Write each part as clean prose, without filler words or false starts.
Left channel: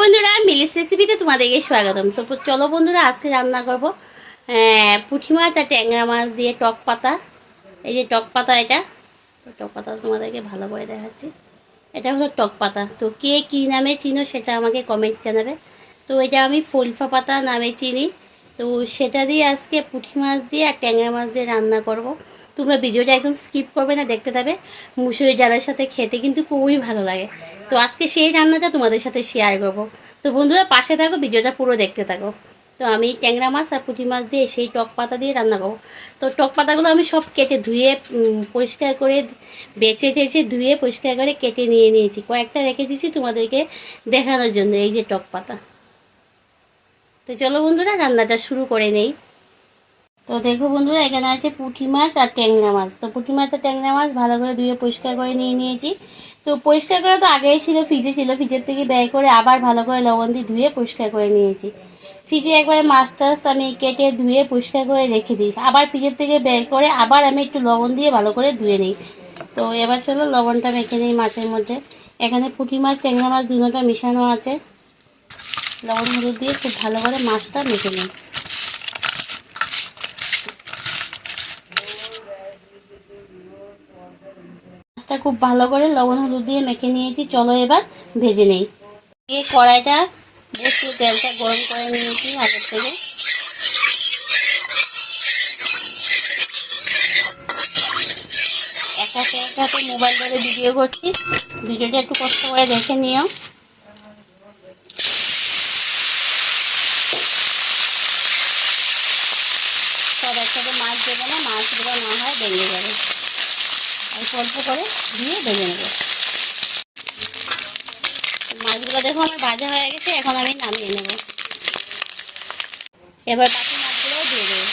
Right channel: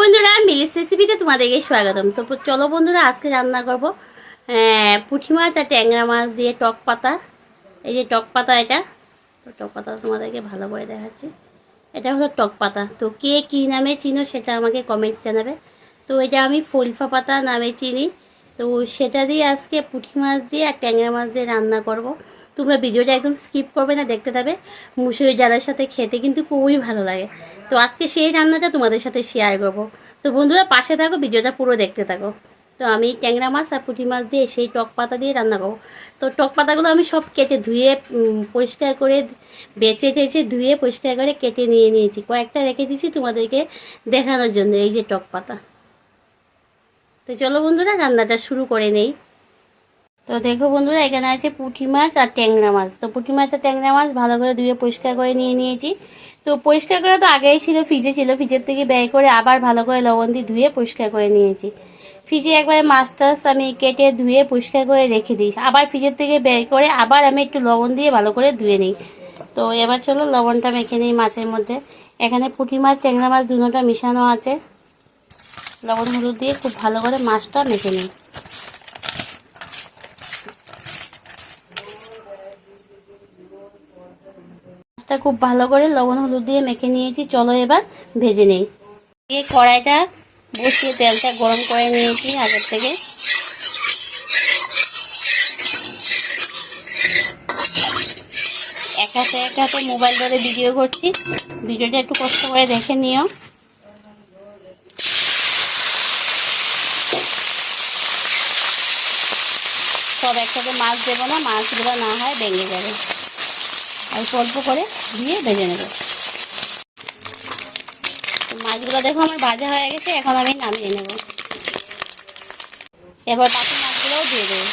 বন্ধুরা, মিলিস রেসিপিতে তোমাদেরকে স্বাগতম। তো চলো বন্ধুরা, আজকে রান্না করব পুঁটি মাছ আর ট্যাংরা মাছ দিয়ে টক পাতা। এই যে টক পাতা, এটা তো টক পাতা তোমাদেরকে ভালো করে দেখাচ্ছি। এটা হলো টক পাতা। তো কে কী নামে চিনো সেটা আমাকে কমেন্ট জানাবে। তো এটা আমি ফুলফা পাতা নামে চিনি। তো সেটা দিয়ে আজকে পুঁটি মাছ দিয়ে আর ট্যাংরা মাছ দিয়ে রান্না করব। তোমরা ভিডিওটা একদম স্কিপ করবে না, দেখতে থাকবে। মুসুরি ডালের সাথে খেতে কিন্তু খুবই ভালো লাগে। তো আজকে সেই রান্নাটা তোমাদের সাথে শেয়ার করব। তো বন্ধুরা পাশে থাকো, ভিডিওটা পুরো দেখতে থাকো। তো আমি ট্যাংরা মাছ আর পুঁটি মাছ দিয়ে সেই টক পাতা দিয়ে রান্না করবো। তো টক পাতাগুলো আমি সব কেটে ধুয়ে পরিষ্কার করে বেছে টেছে ধুয়ে পরিষ্কার করে কেটে নিয়ে নিয়েছি। কয়েকটা রেখে দিয়েছি তোমাদেরকে দেখানোর জন্য। এই যে টক পাতা। তো চলো বন্ধুরা, রান্নাটা শুরু করে নেই। তো দেখো বন্ধুরা, এখানে আছে পুঁটি মাছ আর ট্যাংরা মাছ। তো পুঁটি মাছ আর ট্যাংরা মাছ ভালো করে ধুয়ে পরিষ্কার করে নিয়ে নিয়েছি। তো পরিষ্কার করা তো আগেই ছিল, ফ্রিজে ছিল। ফ্রিজের থেকে বের করে আবার ভালো করে লবণ দিয়ে ধুয়ে পরিষ্কার করে নিয়েছি। ফ্রিজে একবার মাছ টাছ আমি কেটে ধুয়ে পরিষ্কার করে রেখে দিই। আবার ফ্রিজের থেকে বের করে আবার আমি একটু লবণ দিয়ে ভালো করে ধুয়ে নিই। তো এবার চলো লবণটা মেখে নিই মাছের মধ্যে। এখানে পুঁটি মাছ ট্যাংরা মাছ দুটোটা মিশানো আছে। লবণ হলুদ দিয়ে খুব ভালো করে মাছটা মেখে নিই। মাছটা খুব ভালো করে লবণ হলুদ দিয়ে মেখে নিয়েছি। চলো এবার ভেজে নেই। এই কড়াইটা বসিয়ে তেলটা গরম করে নিয়েছি আগের থেকে। এক হাতে মোবাইল ধরে ভিডিও করছি, ভিডিওটা একটু কষ্ট করে দেখে নিও। সব একসাথে মাছ দেবো না, মাছগুলো না হয় ভেঙে যাবে। আর অল্প করে দিয়ে ভেজে নেব। মাছগুলো দেখো আমার ভাজা হয়ে গেছে, এখন আমি নামিয়ে নেব। এবার বাকি মাছগুলোও দিয়ে দেবো।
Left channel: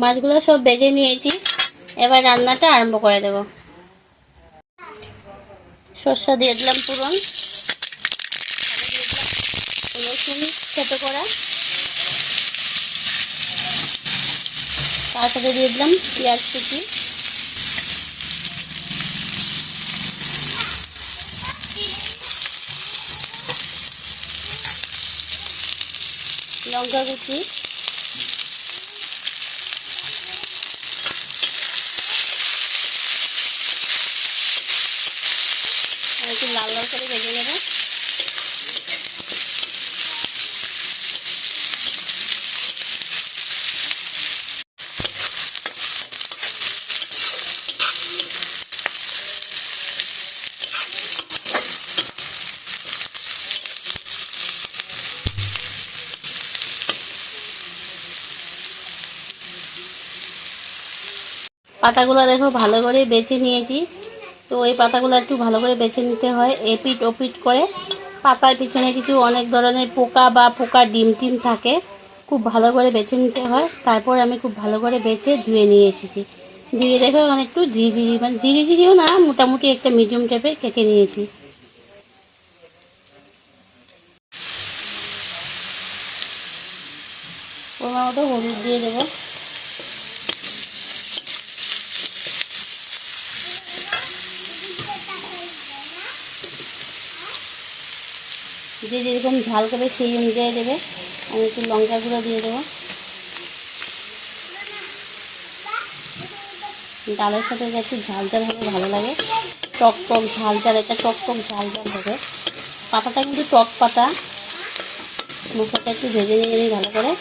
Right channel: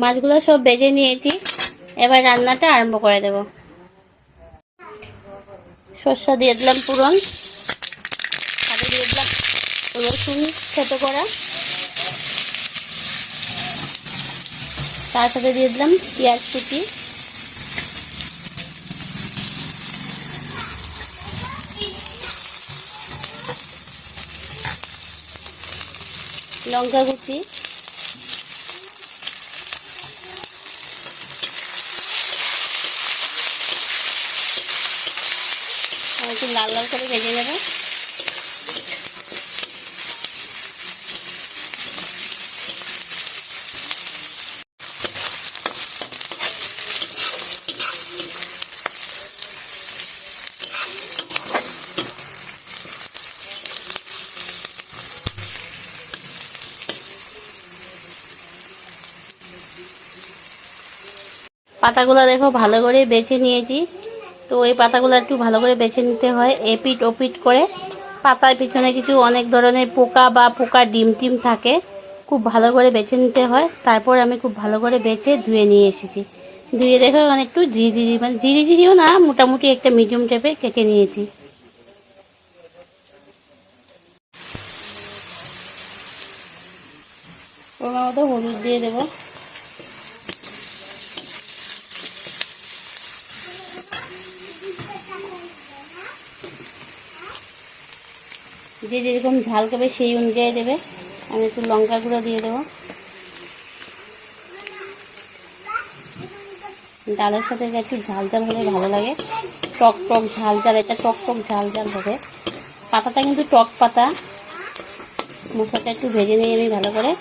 মাছগুলো সব ভেজে নিয়েছি, এবার রান্নাটা আরম্ভ করে দেব। সর্ষা দিয়ে দিলাম পুরন, সাথে দিয়ে দিলাম রসুন ছোট করা, তার সাথে দিয়ে দিলাম পেঁয়াজ কুচি, লঙ্কা কুচি, একটু লাল লাল করে ভেজে নেব। পাতাগুলো দেখো ভালো করে বেছে নিয়েছি। তো এই পাতাগুলো একটু ভালো করে বেছে নিতে হয়, এপিট ওপিট করে। পাতার পিছনে কিছু অনেক ধরনের পোকা বা পোকার ডিম টিম থাকে, খুব ভালো করে বেছে নিতে হয়। তারপর আমি খুব ভালো করে বেছে ধুয়ে নিয়ে এসেছি। ধুয়ে দেখো একটু ঝিরিঝিরি, মানে ঝিরিঝিরিও না, মোটামুটি একটা মিডিয়াম টাইপের কেটে নিয়েছি। ওর মতো হলুদ দিয়ে দেবো। যে যেরকম ঝাল খাবে সেই অনুযায়ী দেবে। আমি একটু লঙ্কা গুঁড়ো দিয়ে দেবো। ডালের সাথে একটু ঝাল ঝাল হলে ভালো লাগে, টক টক ঝাল ঝাল, এটা টক টক ঝাল ঝাল হবে। পাতাটা কিন্তু টক পাতা। মশলাটা একটু ভেজে নিয়ে আমি ভালো করে।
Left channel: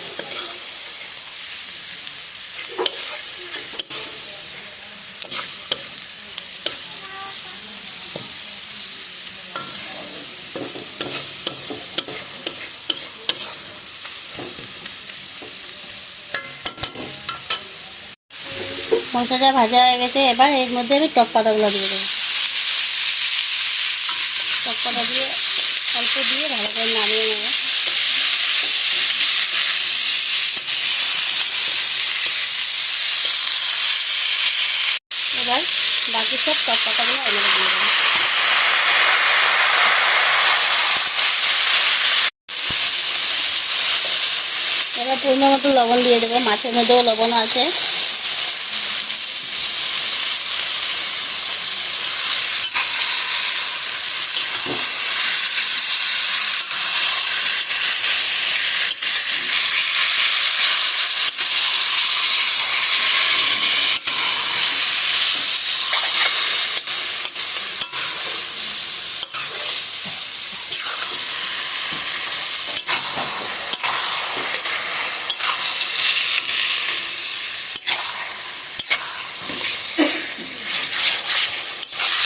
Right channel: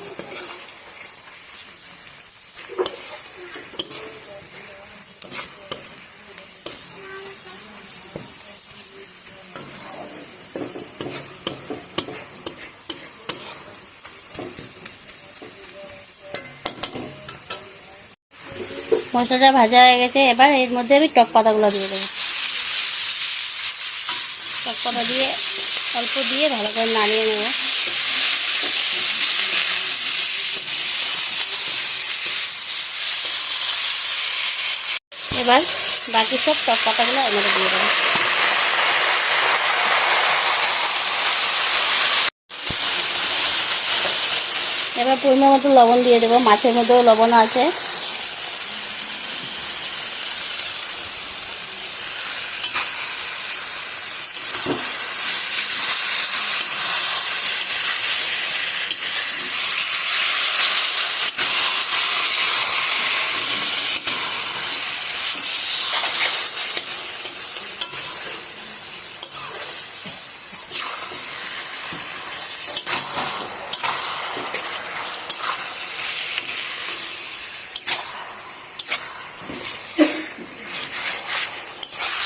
মশলাটা ভাজা হয়ে গেছে, এবার এর মধ্যে আমি টক পাতাগুলো দিয়ে দেবো। টক পাতা দিয়ে অল্প দিয়ে ভালো করে নাড়িয়ে নেব। এবার বাকি সব টক পাতাগুলো এর মধ্যে দিয়ে দেবো। এবার পরিমাণ মতো লবণ দিয়ে দেবো, মাছের মধ্যেও লবণ আছে।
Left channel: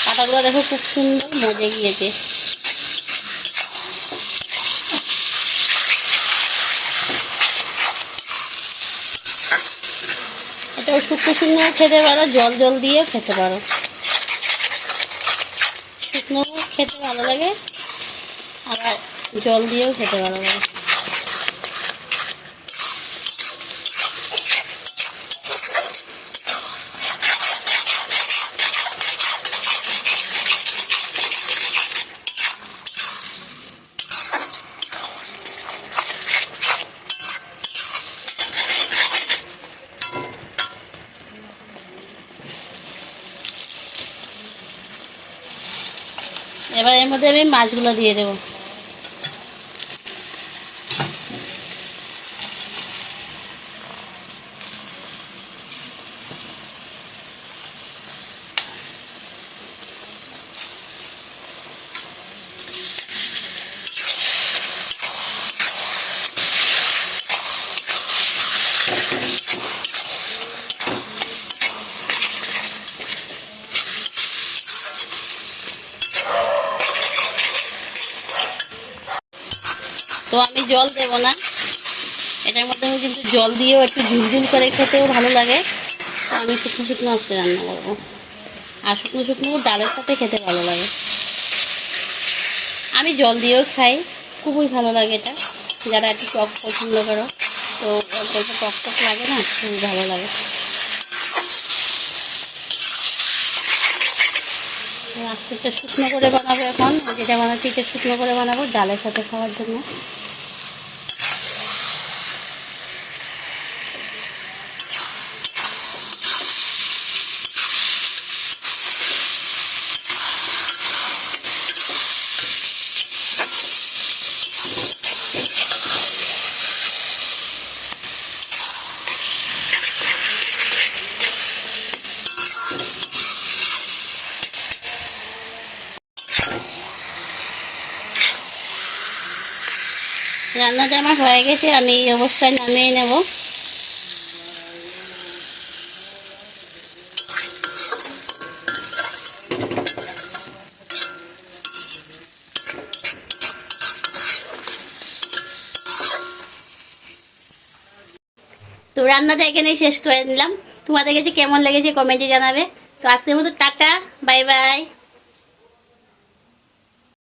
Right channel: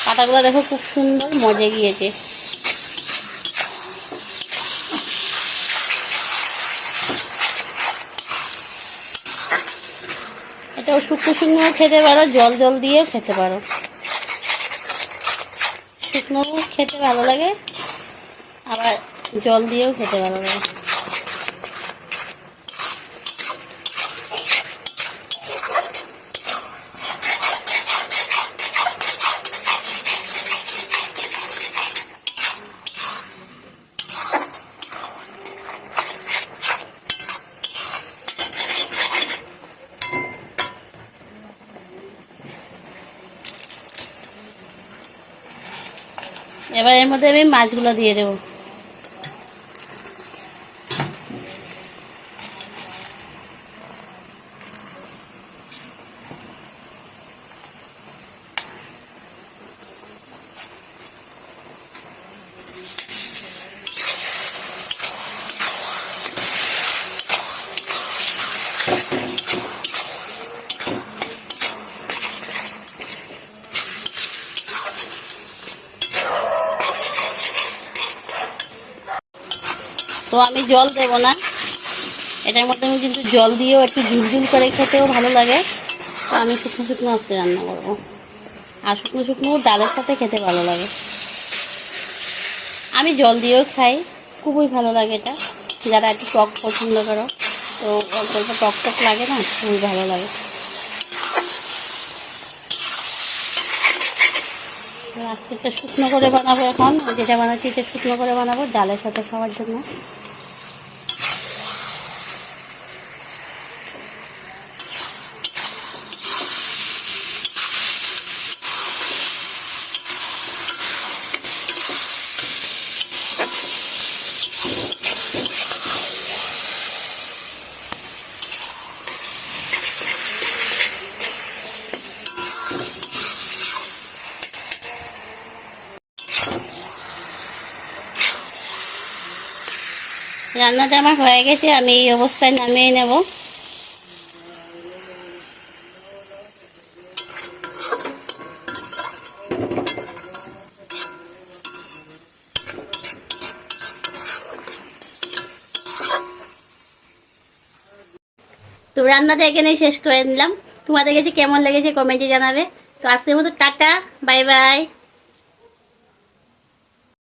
পাতাগুলো দেখো খুব সুন্দর মজে গিয়েছে। এটা শুকনো শুকনো খেতে পারো, জল জল দিয়েও খেতে পারো। শুকনো খেতে ভালো লাগে, আবার জল দিয়েও খেতে ভালো লাগে। এবার এর মধ্যে আমি মাছগুলো দিয়ে দেবো। তো আমি জল দেব না, এটার মধ্যে আমি কিন্তু জল দিয়েও একটু ঝুলঝুল করে খেতেও ভালো লাগে। তো আমি শুকনো শুকনো আজকে রান্না করবো, আর শুকনো শুকনো ডালের সাথে খেতে ভালো লাগে। আমি জল দিয়েও খাই, খুবই ভালো লাগে এটা। যারা একটু টক পছন্দ করো, তো অল্প অল্প টক টক লাগে না, খুবই ভালো লাগে। আজকে একটা শুকনো করে বানাবো, এখন যেটা বানাচ্ছি এটা শুকনো করে বানাবো ডালের সাথে খাওয়ার জন্য। রান্নাটা আমার হয়ে গেছে, আমি এই অবস্থায় নামিয়ে নেব। তো রান্নাটা এখানেই শেষ করে নিলাম। তোমাদের কাছে কেমন লেগেছে কমেন্টে জানাবে। তো আজকের মতো টাটা, বাই বাই।